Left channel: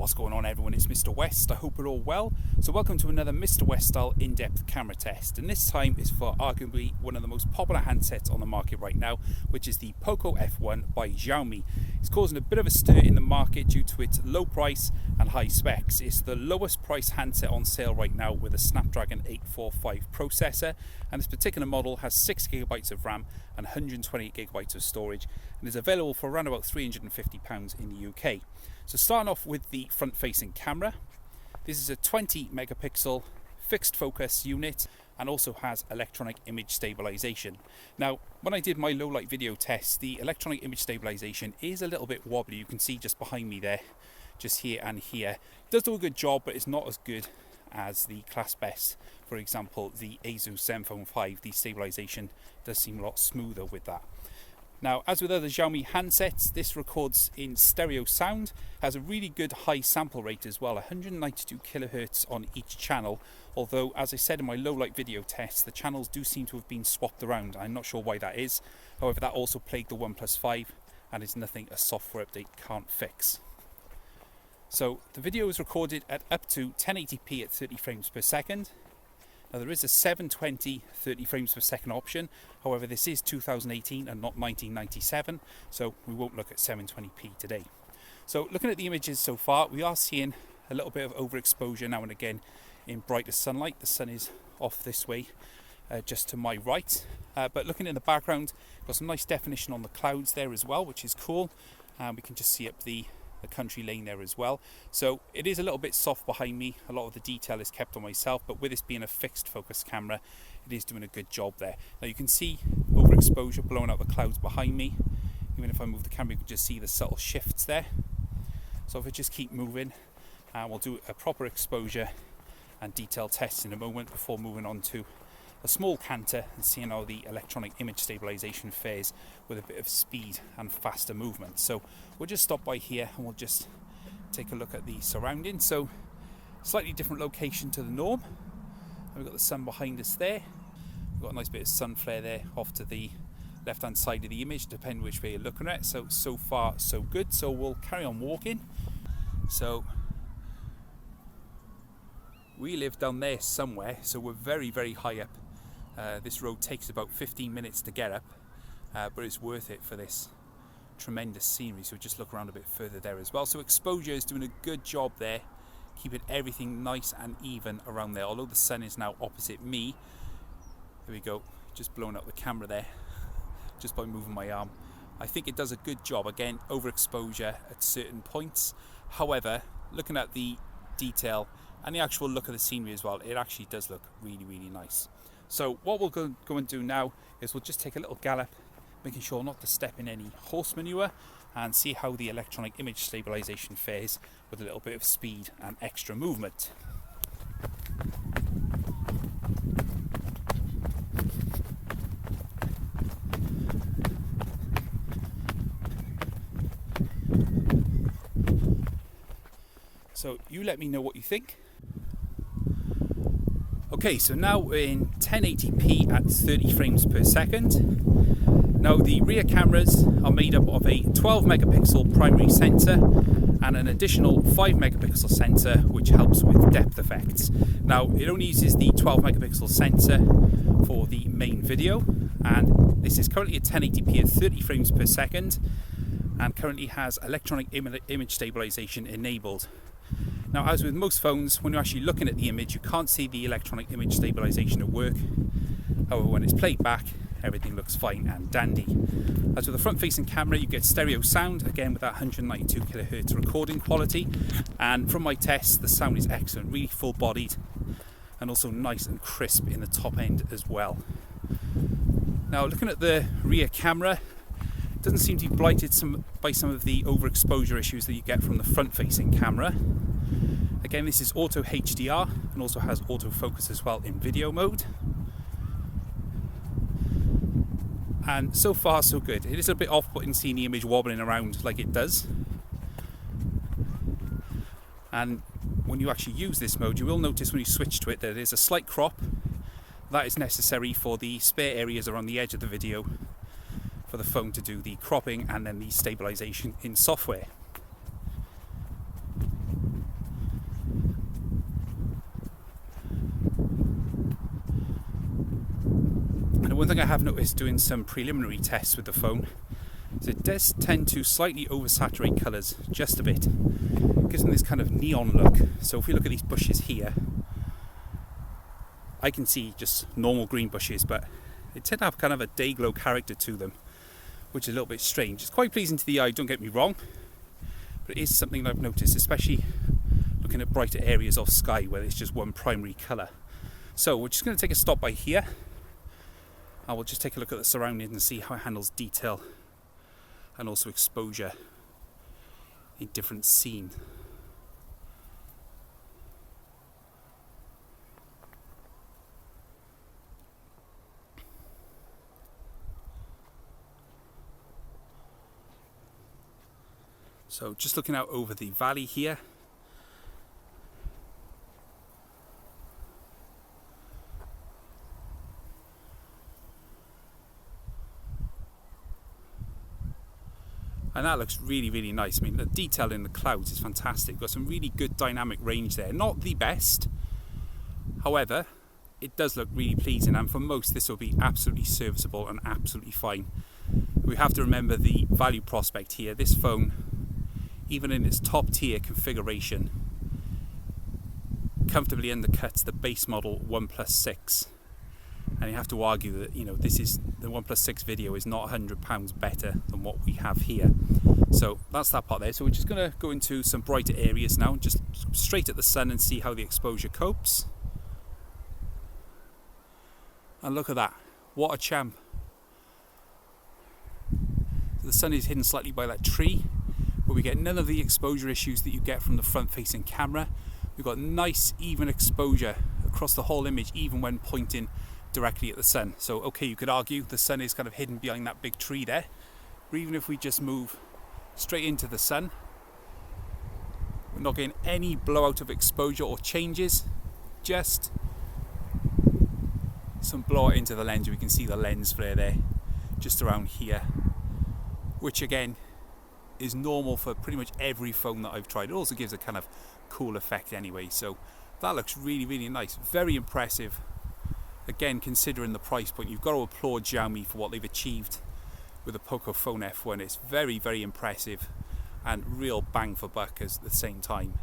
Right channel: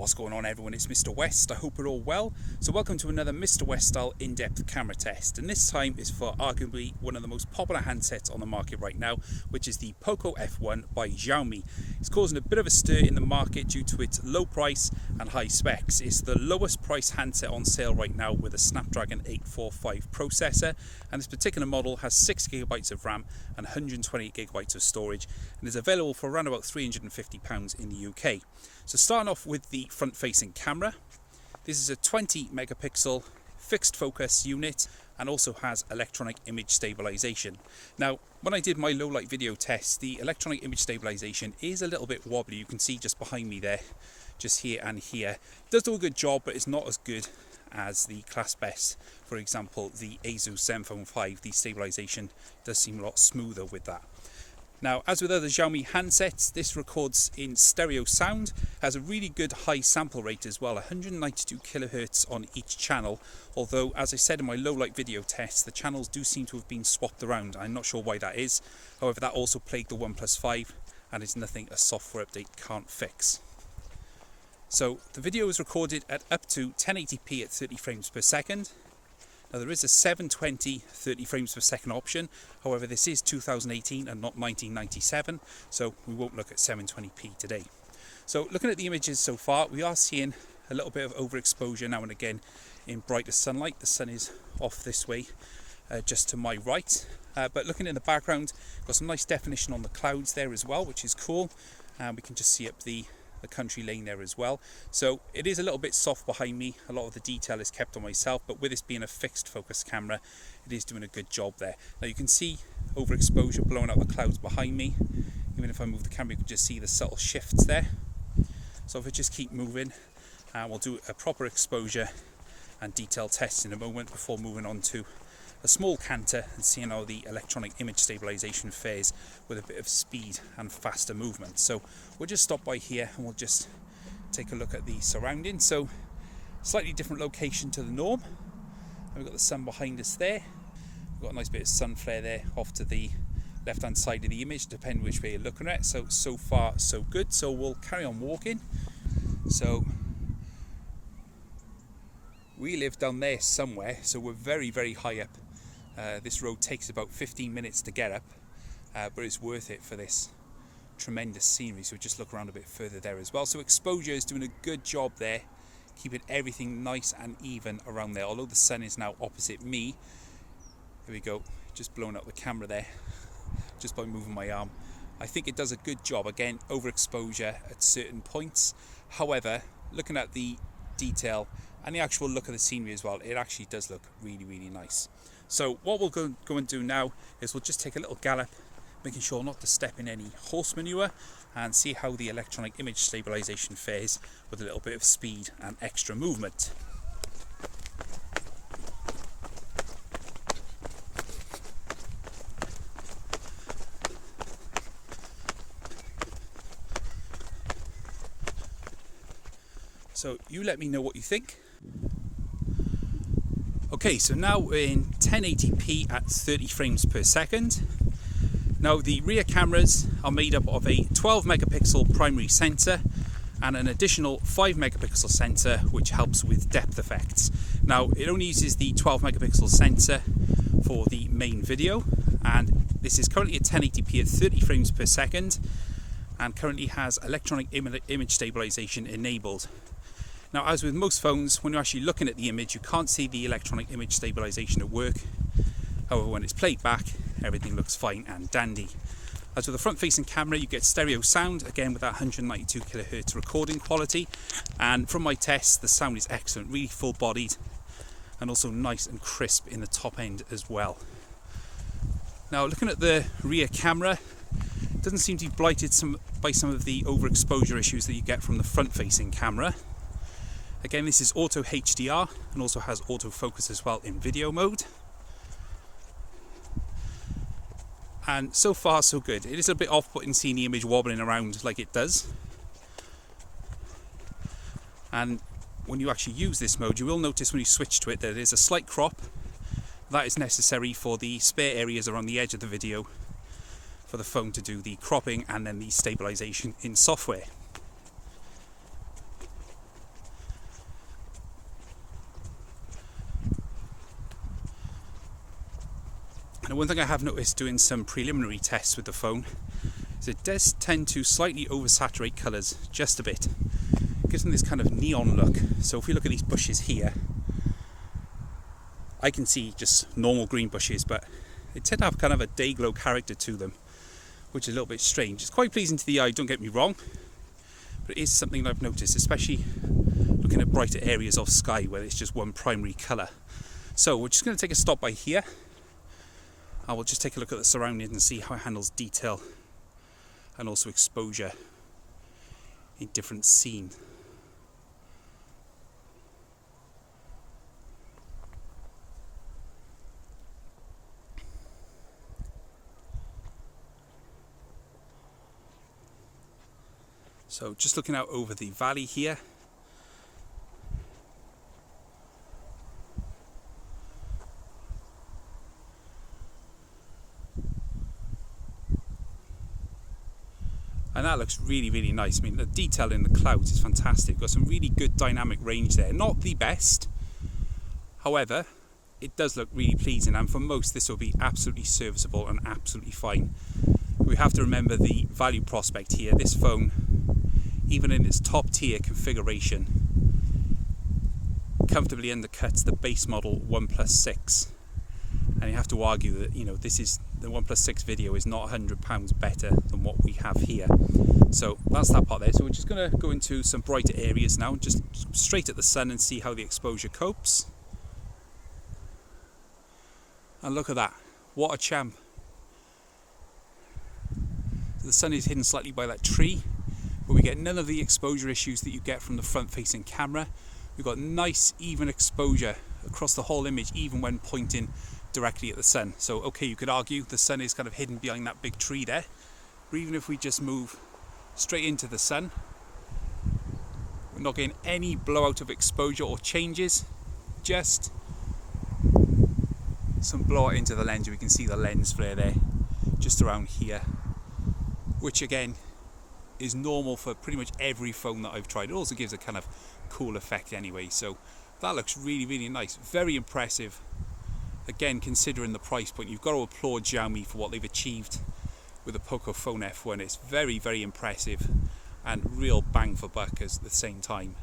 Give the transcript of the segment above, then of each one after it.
What's going on, everyone? It's Mr. West. I hope you're all well. So welcome to another Mr. West style in-depth camera test, and this time is for arguably one of the most popular handsets on the market right now, which is the Poco F1 by Xiaomi. It's causing a bit of a stir in the market due to its low price and high specs. It's the lowest price handset on sale right now with a Snapdragon 845 processor, and this particular model has 6GB of RAM and 128GB of storage, and is available for around about £350 in the UK. So starting off with the front-facing camera, this is a 20 megapixel fixed focus unit and also has electronic image stabilisation. Now, when I did my low light video test, the electronic image stabilisation is a little bit wobbly. You can see just behind me there, just here and here. It does do a good job, but it's not as good as the class best. For example, the Asus ZenFone 5, the stabilisation does seem a lot smoother with that. Now, as with other Xiaomi handsets, this records in stereo sound, has a really good high sample rate as well, 192 kHz on each channel, although as I said in my low light video test, the channels do seem to have been swapped around. I'm not sure why that is. However, that also plagued the OnePlus 5 and is nothing a software update can't fix. So the video is recorded at up to 1080p at 30 frames per second. Now, there is a 720 30 frames per second option. However, this is 2018 and not 1997, so we won't look at 720p today. So looking at the images so far, we are seeing a little bit of overexposure now and again in brighter sunlight. The sun is off this way, just to my right. But looking in the background, got some nice definition on the clouds there as well, which is cool. And we can just see up the country lane there as well. So it is a little bit soft behind me. A lot of the detail is kept on myself, but with this being a fixed focus camera, it is doing a good job there. Now you can see overexposure blowing out the clouds behind me. Even if I move the camera, you can just see the subtle shifts there. So if I just keep moving, we'll do a proper exposure and detail test in a moment before moving on to a small canter and seeing how the electronic image stabilisation fares with a bit of speed and faster movement. So we'll just stop by here and we'll just take a look at the surroundings. So slightly different location to the norm. And we've got the sun behind us there. We've got a nice bit of sun flare there off to the left hand side of the image, depending which way you're looking at. So far so good. So we'll carry on walking. So we live down there somewhere, so we're very, very high up. This road takes about 15 minutes to get up, but it's worth it for this tremendous scenery. So just look around a bit further there as well. So exposure is doing a good job there, keeping everything nice and even around there. Although the sun is now opposite me, here we go, just blowing up the camera there, just by moving my arm. I think it does a good job. Again, overexposure at certain points. However, looking at the detail and the actual look of the scenery as well, it actually does look really, really nice. So what we'll go and do now is we'll just take a little gallop, making sure not to step in any horse manure, and see how the electronic image stabilisation fares with a little bit of speed and extra movement. So you let me know what you think. Okay, so now we're in 1080p at 30 frames per second. Now the rear cameras are made up of a 12 megapixel primary sensor and an additional 5 megapixel sensor which helps with depth effects. Now it only uses the 12 megapixel sensor for the main video, and this is currently at 1080p at 30 frames per second and currently has electronic image stabilisation enabled. Now, as with most phones, when you're actually looking at the image, you can't see the electronic image stabilisation at work. However, when it's played back, everything looks fine and dandy. As with the front-facing camera, you get stereo sound, again with that 192 kHz recording quality. And from my tests, the sound is excellent, really full-bodied, and also nice and crisp in the top end as well. Now, looking at the rear camera, it doesn't seem to be blighted by some of the overexposure issues that you get from the front-facing camera. Again, this is auto HDR and also has autofocus as well in video mode. And so far so good. It is a bit off-putting seeing the image wobbling around like it does. And when you actually use this mode, you will notice when you switch to it that there's a slight crop. That is necessary for the spare areas around the edge of the video for the phone to do the cropping and then the stabilization in software. one thing I have noticed doing some preliminary tests with the phone is it does tend to slightly oversaturate colours just a bit. It gives them this kind of neon look. So if we look at these bushes here, I can see just normal green bushes, but they tend to have kind of a day glow character to them, which is a little bit strange. It's quite pleasing to the eye, don't get me wrong, but it is something that I've noticed, especially looking at brighter areas of sky where it's just one primary colour. So we're just going to take a stop by here. I will just take a look at the surroundings and see how it handles detail and also exposure in different scene. So just looking out over the valley here. And that looks really, really nice. I mean, the detail in the clouds is fantastic. Got some really good dynamic range there. Not the best, however, it does look really pleasing, and for most this will be absolutely serviceable and absolutely fine. We have to remember the value prospect here. This phone, even in its top tier configuration, comfortably undercuts the base model OnePlus 6. And you have to argue that, you know, this is the OnePlus 6 video is not £100 better than what we have here. So that's that part there. So we're just going to go into some brighter areas now, just straight at the sun and see how the exposure copes. And look at that, what a champ. So the sun is hidden slightly by that tree, but we get none of the exposure issues that you get from the front facing camera. We've got nice even exposure across the whole image, even when pointing directly at the sun. So okay, you could argue the sun is kind of hidden behind that big tree there, but even if we just move straight into the sun, we're not getting any blowout of exposure or changes, just some blowout into the lens. We can see the lens flare there just around here, which again is normal for pretty much every phone that I've tried. It also gives a kind of cool effect anyway, so that looks really, really nice. Very impressive. Again, considering the price point, you've got to applaud Xiaomi for what they've achieved with the Poco F1. It's very, very impressive and real bang for buck at the same time.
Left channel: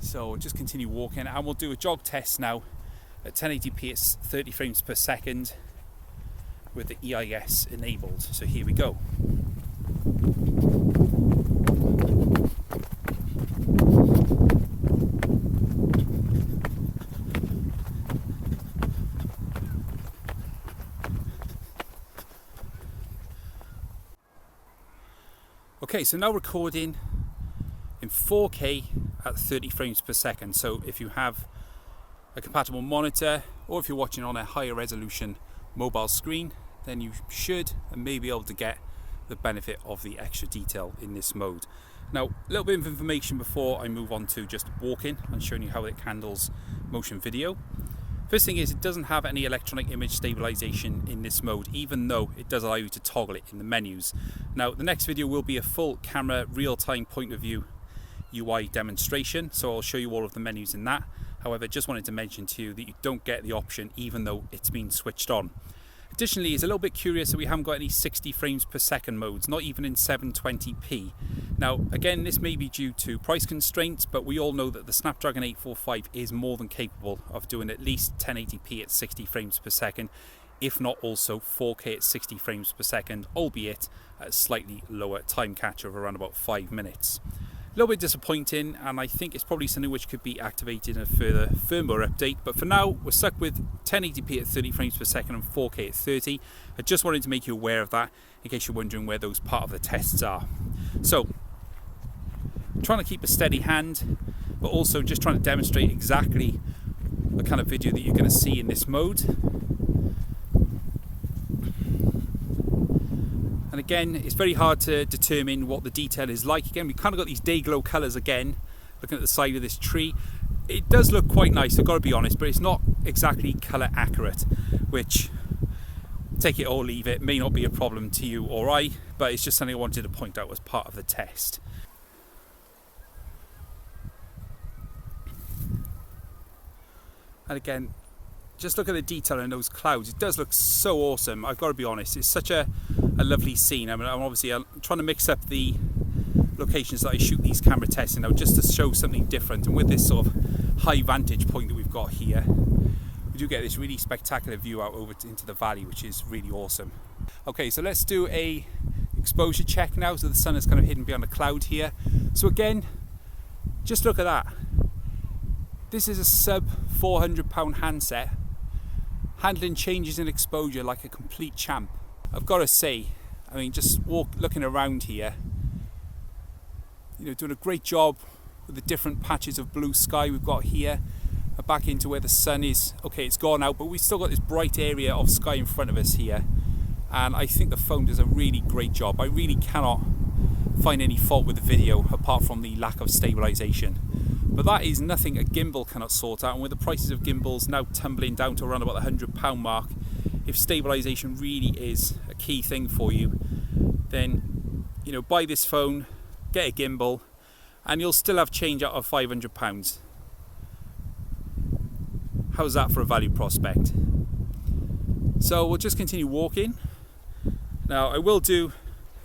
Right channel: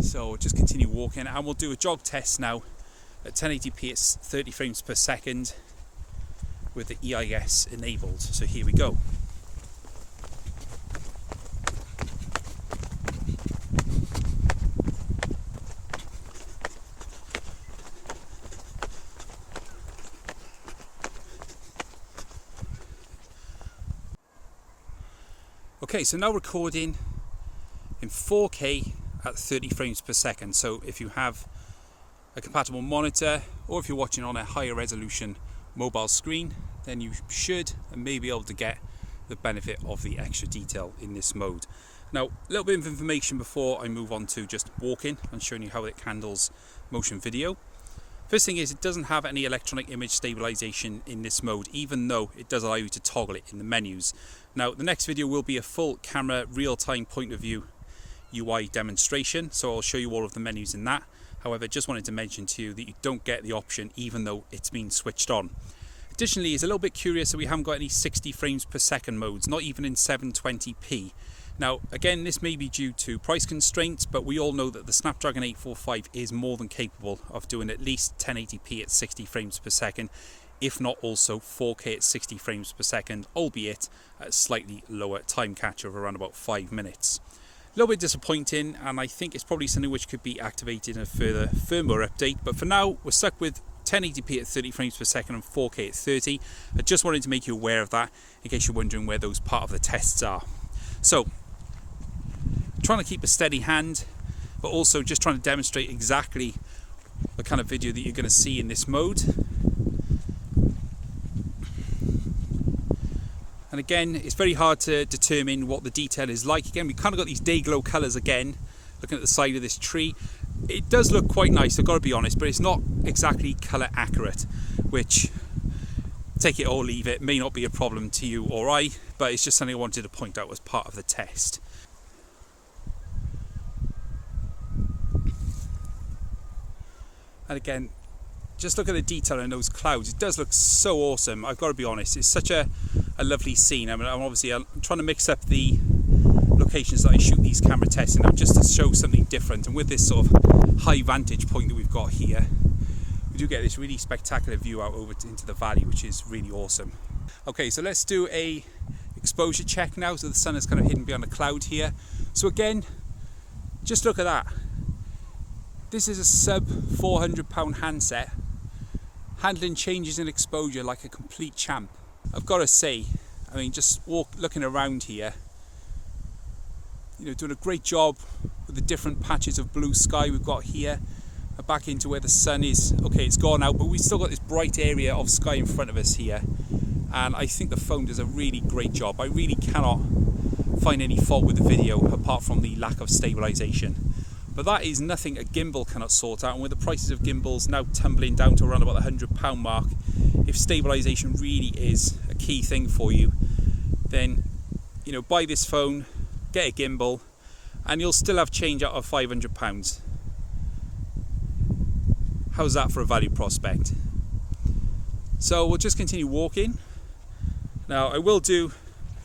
So just continue walking, and we'll do a jog test now at 1080p at 30 frames per second with the EIS enabled. So here we go. Okay, so now recording in 4K at 30 frames per second. So if you have a compatible monitor, or if you're watching on a higher resolution mobile screen, then you should and may be able to get the benefit of the extra detail in this mode. Now, a little bit of information before I move on to just walking and showing you how it handles motion video. First thing is, it doesn't have any electronic image stabilisation in this mode, even though it does allow you to toggle it in the menus. Now, the next video will be a full camera real-time point of view UI demonstration, so I'll show you all of the menus in that. However, just wanted to mention to you that you don't get the option even though it's been switched on. Additionally, it's a little bit curious that we haven't got any 60 frames per second modes, not even in 720p. Now, again, this may be due to price constraints, but we all know that the Snapdragon 845 is more than capable of doing at least 1080p at 60 frames per second, if not also 4K at 60 frames per second, albeit at a slightly lower time capture of around about 5 minutes. A little bit disappointing, and I think it's probably something which could be activated in a further firmware update, but for now we're stuck with 1080p at 30 frames per second and 4K at 30. I just wanted to make you aware of that in case you're wondering where those part of the tests are. So, trying to keep a steady hand, but also just trying to demonstrate exactly the kind of video that you're going to see in this mode. And again, it's very hard to determine what the detail is like. Again, we kind of got these day glow colours again, looking at the side of this tree. It does look quite nice, I've got to be honest, but it's not exactly colour accurate, which, take it or leave it, may not be a problem to you or I, but it's just something I wanted to point out as part of the test. And again, just look at the detail in those clouds. It does look so awesome. I've got to be honest, it's such a lovely scene. I mean, I'm trying to mix up the locations that I shoot these camera tests in now, just to show something different. And with this sort of high vantage point that we've got here, we do get this really spectacular view out over into the valley, which is really awesome. Okay, so let's do a exposure check now. So the sun is kind of hidden behind a cloud here. So again, just look at that. This is a sub £400 handset, handling changes in exposure like a complete champ. I've got to say, I mean, just looking around here, you know, doing a great job with the different patches of blue sky we've got here. Back into where the sun is. Okay, it's gone out, but we've still got this bright area of sky in front of us here. And I think the phone does a really great job. I really cannot find any fault with the video apart from the lack of stabilisation. But that is nothing a gimbal cannot sort out. And with the prices of gimbals now tumbling down to around about the £100 mark, if stabilisation really is a key thing for you, then, you know, buy this phone, get a gimbal, and you'll still have change out of £500. How's that for a value prospect? So we'll just continue walking. Now I will do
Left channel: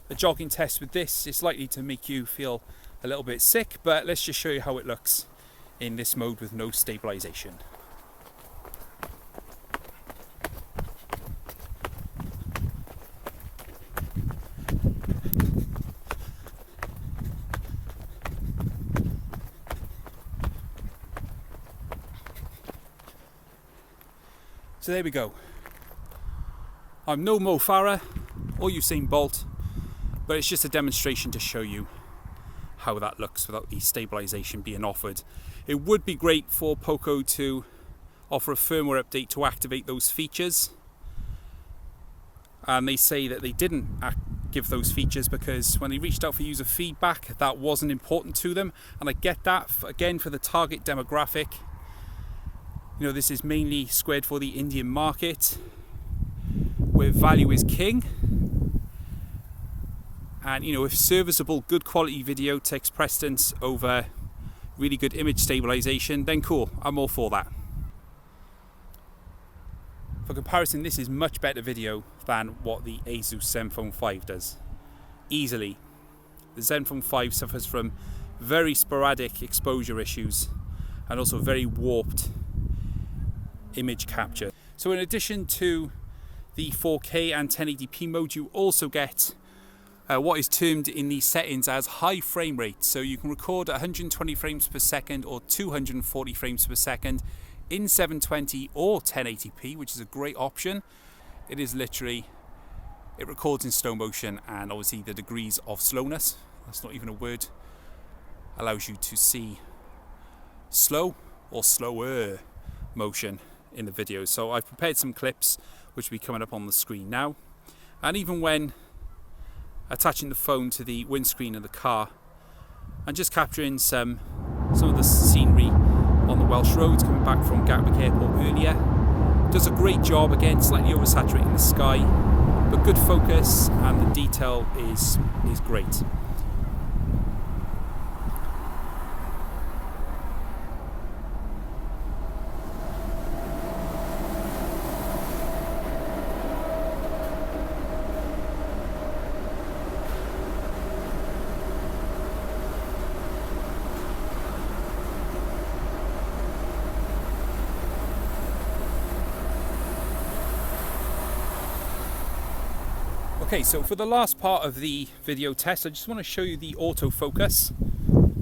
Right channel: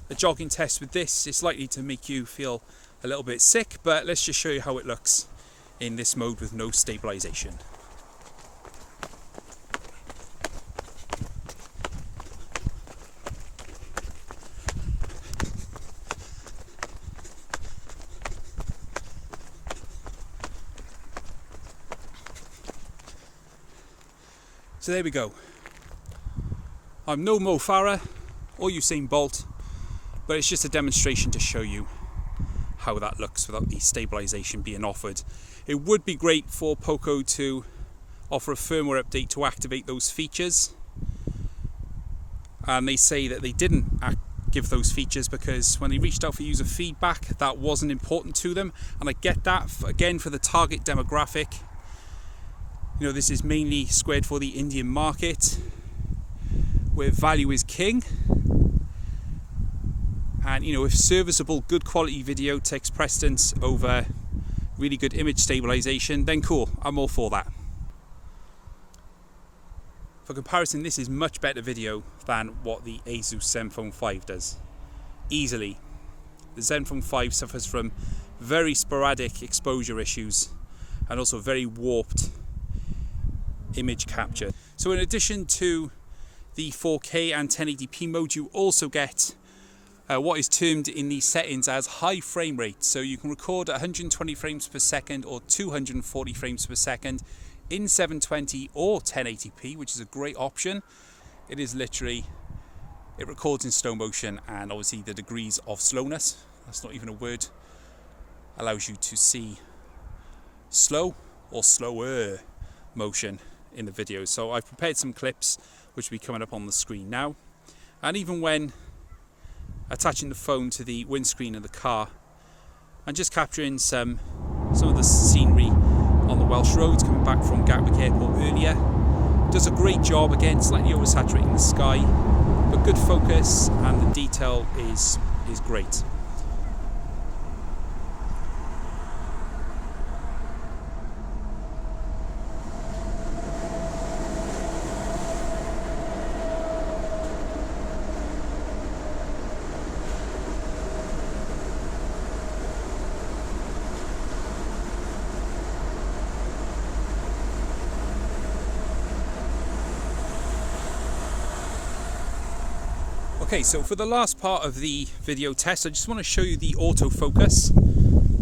a jogging test with this. It's likely to make you feel a little bit sick, but let's just show you how it looks in this mode with no stabilisation. So there we go. I'm no Mo Farah or Usain Bolt, but it's just a demonstration to show you how that looks without the stabilisation being offered. It would be great for Poco to offer a firmware update to activate those features, and they say that they didn't give those features because when they reached out for user feedback, that wasn't important to them. And I get that, again, for the target demographic. You know, this is mainly squared for the Indian market, where value is king. And, you know, if serviceable, good quality video takes precedence over really good image stabilization, then cool, I'm all for that. For comparison, this is much better video than what the Asus ZenFone 5 does. Easily. The ZenFone 5 suffers from very sporadic exposure issues and also very warped image capture. So in addition to the 4K and 1080p mode, you also get what is termed in these settings as high frame rate. So you can record at 120 frames per second or 240 frames per second in 720 or 1080p, which is a great option. It is literally, it records in slow motion, and obviously the degrees of slowness, that's not even a word, allows you to see slow or slower motion in the video. So I've prepared some clips which will be coming up on the screen now, and even when attaching the phone to the windscreen of the car and just capturing some of the scenery on the Welsh roads coming back from Gatwick Airport earlier, does a great job. Again, slightly oversaturating the sky, but good focus, and the detail is great. Okay, so for the last part of the video test, I just want to show you the autofocus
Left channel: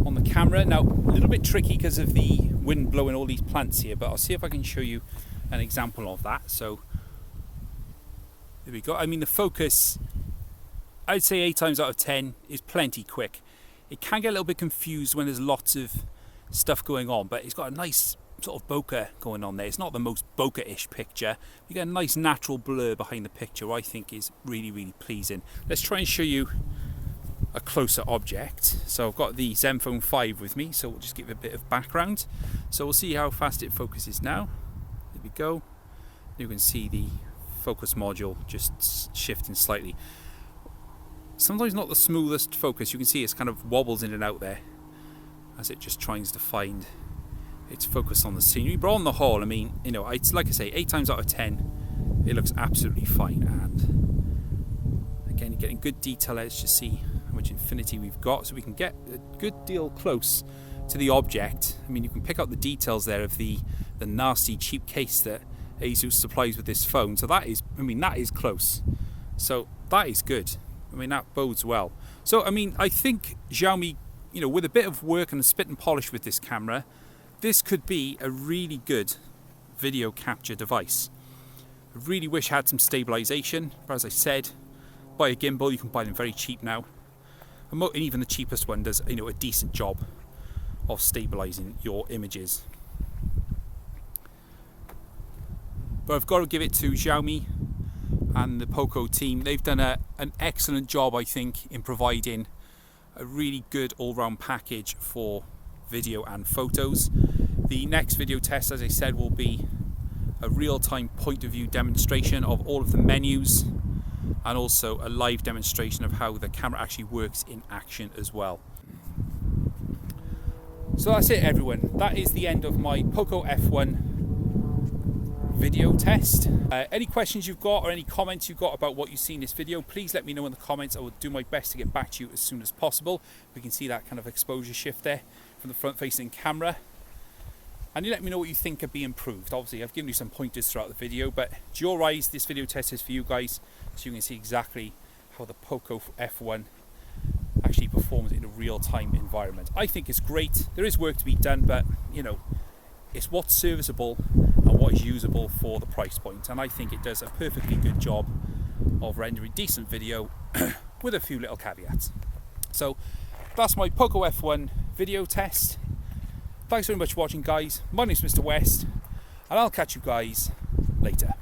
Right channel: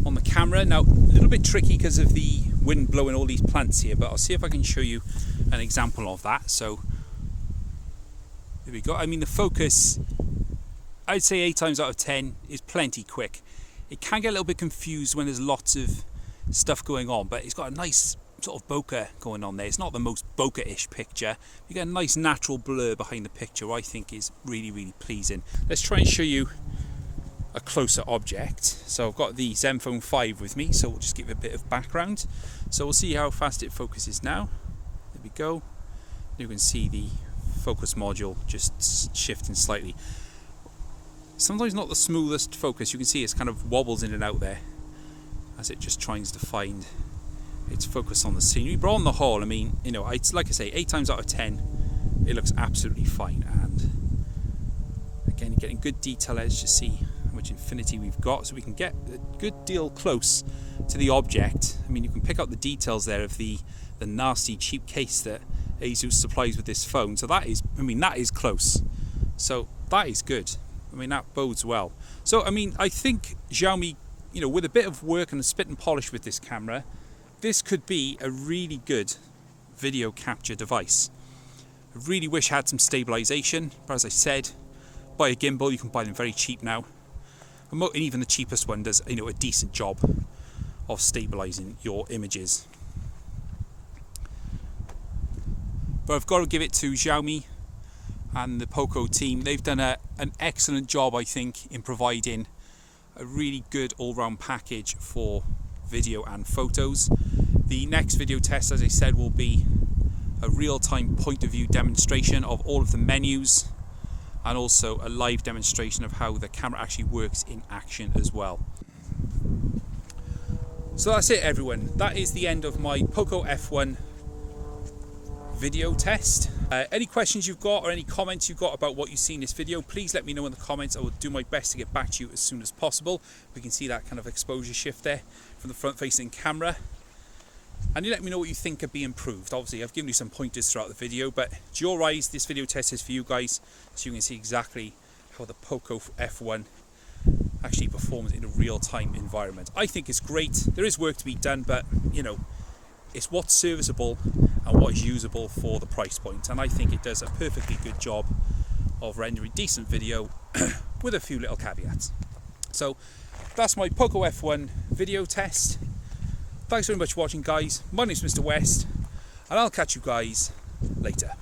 on the camera. Now, a little bit tricky because of the wind blowing all these plants here, but I'll see if I can show you an example of that. So, there we go. I mean, the focus, I'd say 8 times out of 10 is plenty quick. It can get a little bit confused when there's lots of stuff going on, but it's got a nice sort of bokeh going on there. It's not the most bokeh-ish picture. You get a nice natural blur behind the picture, I think is really, really pleasing. Let's try and show you a closer object. So I've got the ZenFone 5 with me, so we'll just give it a bit of background. So we'll see how fast it focuses now. There we go. You can see the focus module just shifting slightly. Sometimes not the smoothest focus. You can see it's kind of wobbles in and out there as it just tries to find its focus on the scenery. But on the whole, I mean, you know, it's like I say, 8 times out of 10, it looks absolutely fine. And again, you're getting good detail edge to see how much infinity we've got, so we can get a good deal close to the object. I mean, you can pick out the details there of the nasty cheap case that Asus supplies with this phone. So that is, I mean, that is close. So that is good. I mean, that bodes well. So, I mean, I think Xiaomi, you know, with a bit of work and a spit and polish with this camera, this could be a really good video capture device. I really wish I had some stabilisation, but as I said, buy a gimbal. You can buy them very cheap now. And even the cheapest one does, you know, a decent job of stabilising your images. But I've got to give it to Xiaomi and the Poco team. They've done an excellent job, I think, in providing a really good all-round package for video and photos. The next video test, as I said, will be a real-time point of view demonstration of all of the menus, and also a live demonstration of how the camera actually works in action as well. So that's it, everyone. That is the end of my Poco F1 video test. Any questions you've got or any comments you've got about what you see in this video, please let me know in the comments. I will do my best to get back to you as soon as possible. We can see that kind of exposure shift there from the front facing camera. And you let me know what you think could be improved. Obviously, I've given you some pointers throughout the video, but to your eyes, this video test is for you guys, so you can see exactly how the Poco F1 actually performs in a real-time environment. I think it's great. There is work to be done, but you know, it's what's serviceable and what is usable for the price point. And I think it does a perfectly good job of rendering decent video with a few little caveats. So that's my Poco F1 video test. Thanks very much for watching, guys. My name's Mr. West, and I'll catch you guys later.